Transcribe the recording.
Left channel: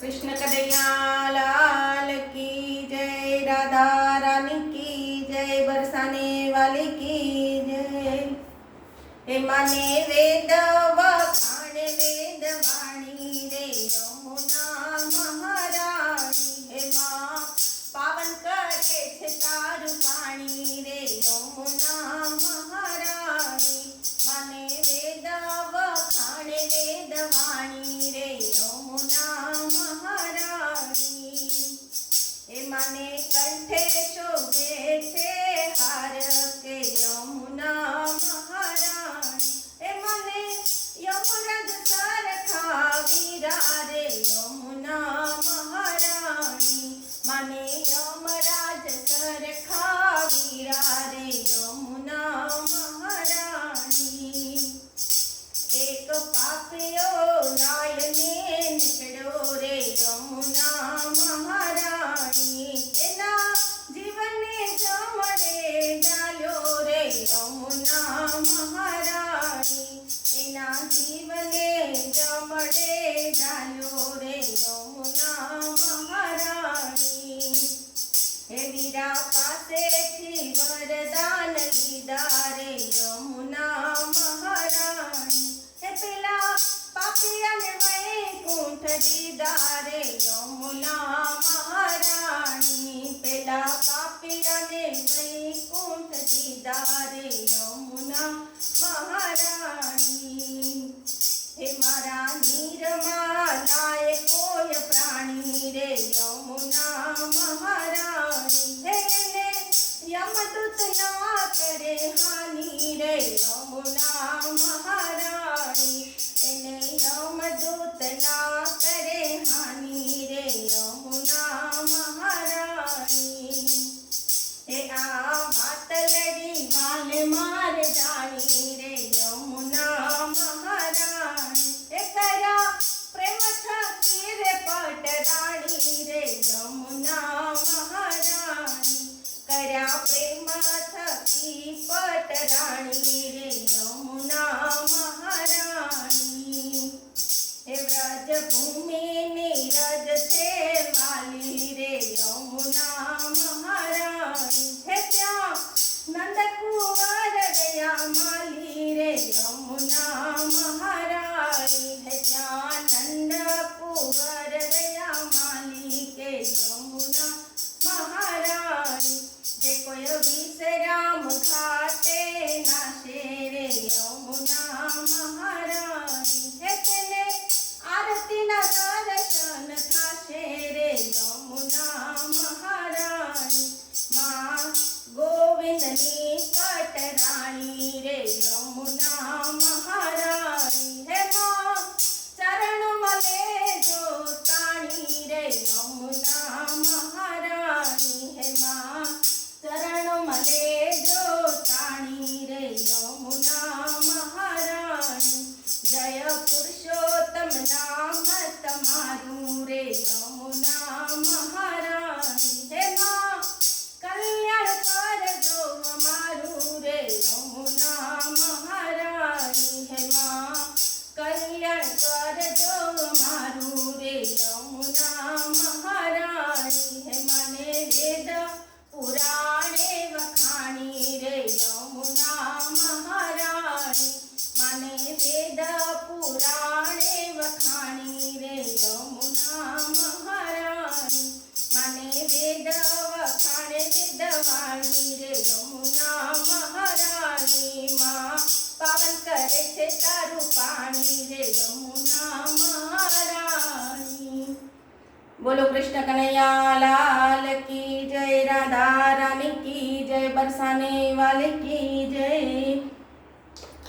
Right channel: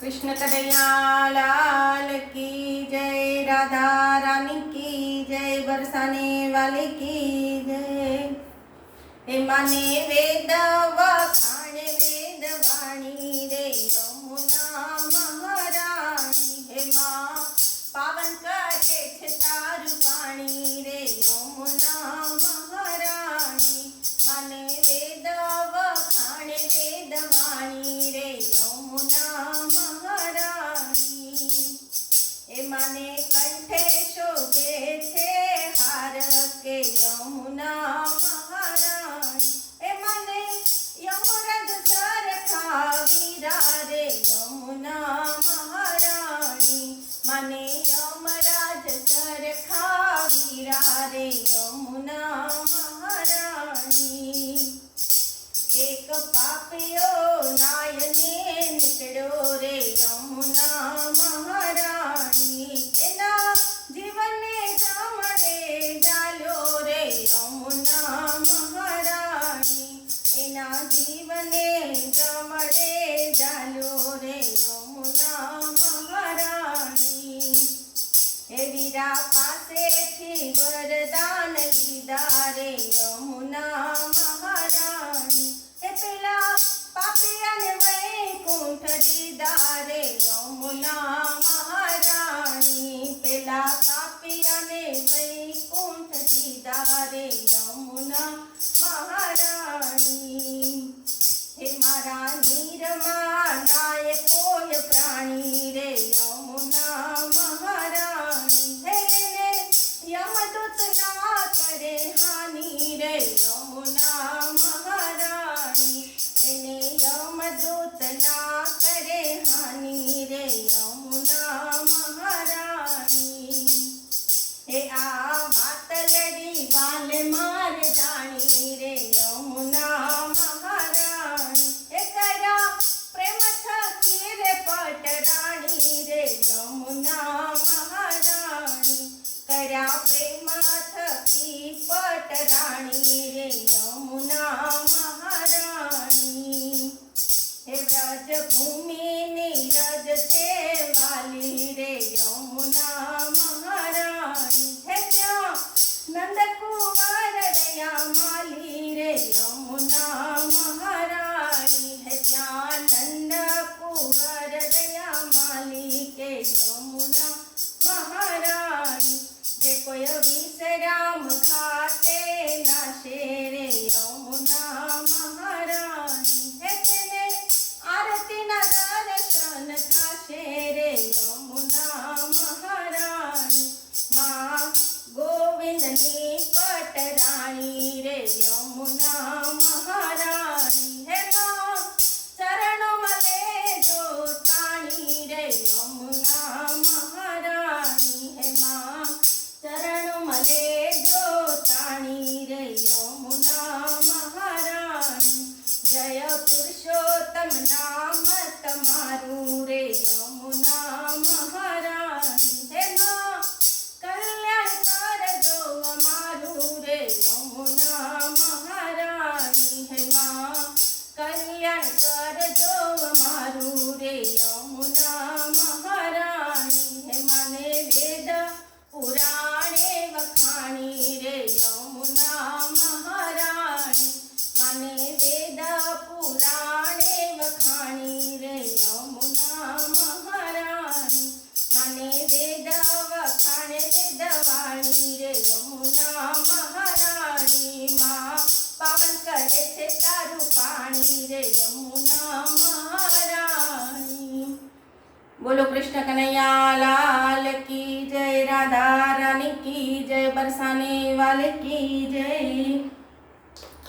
कृष्ण कन्हैया लाल की जय, राधा रानी की जय, बरसाने वाले की जय। हे माने वेद वखाणे वेद वाणी रे यमुना महाराणी। हे माँ पावन करे छे तारु पाणी रे यमुना महाराणी। माने वेद वखाणे वेद वाणी रे यमुना महाराणी। हे माने कंठे शोभे छे हार के यमुना महाराणी। हे माने यमराज सरखा वीरा रे यमुना महाराणी। माने यमराज सरखा वीरा रे यमुना महाराणी। एक पापियो नायने निकळ्यो रे यमुना महाराणी। एना जीवने जमड़े जाल्यो रे यमुना महाराणी। एना जीवने जमड़े जाल्यो रे यमुना महाराणी। हे वीरा पासेथी वरदान लीधा रे यमुना महाराणी। हे पेला पापियाने वैकुंठ दीदा रे यमुना महाराणी। पेला पापियाने वैकुंठ दीदा रे यमुना महाराणी। हे मारा नीरमा लाए कोय प्राणी रे यमुना महाराणी। हे ने यमदूत ना करे हानि रे यमुना महाराणी। एने यमदूत ना करे हानि रे यमुना महाराणी। हे आ मातलड़ी वाले मार जानी रे यमुना महाराणी। हे करा प्रेम थकी रे पटराणी रे यमुना महाराणी। करा प्रेम थकी पटराणी रे यमुना महाराणी। हे व्रज भूमि नीरज छे वाली रे यमुना महाराणी। हे त्या नंद कुंवर रया माली रे यमुना महाराणी। हे त्या नंद कुंवर रया माली के यमुना महाराणी। जे कोई विश्राम घाटे नाशे रे यमुना महाराणी। हे तेने आरती ना दर्शन थाशे रे यमुना महाराणी। माँ गोविंदनी पटराणी रे यमुना महाराणी। हे माँ चरण मले जो ताणी रे यमुना महाराणी। हे माँ चरण मले जो ताणी रे यमुना महाराणी। जय पुरुषोत्तम नाम तमारू रे यमुना महाराणी। हे माँ कल्याण कर जो अमारू रे यमुना महाराणी। हे माँ कल्याण कर जो अमारू रे यमुना महाराणी। हे माने वेद पुराणे वखाणी रे यमुना महाराणी। माने वेद पुराणे वखाणी रे यमुना महाराणी। माने वेद वखाणे वेद वाणी रे यमुना महाराणी। माँ पावन करे छे तारु पाणी रे यमुना महाराणी। बोलो कृष्ण कन्हैया लाल की जय, राधा रानी की जय, बरसाने वाले की जय।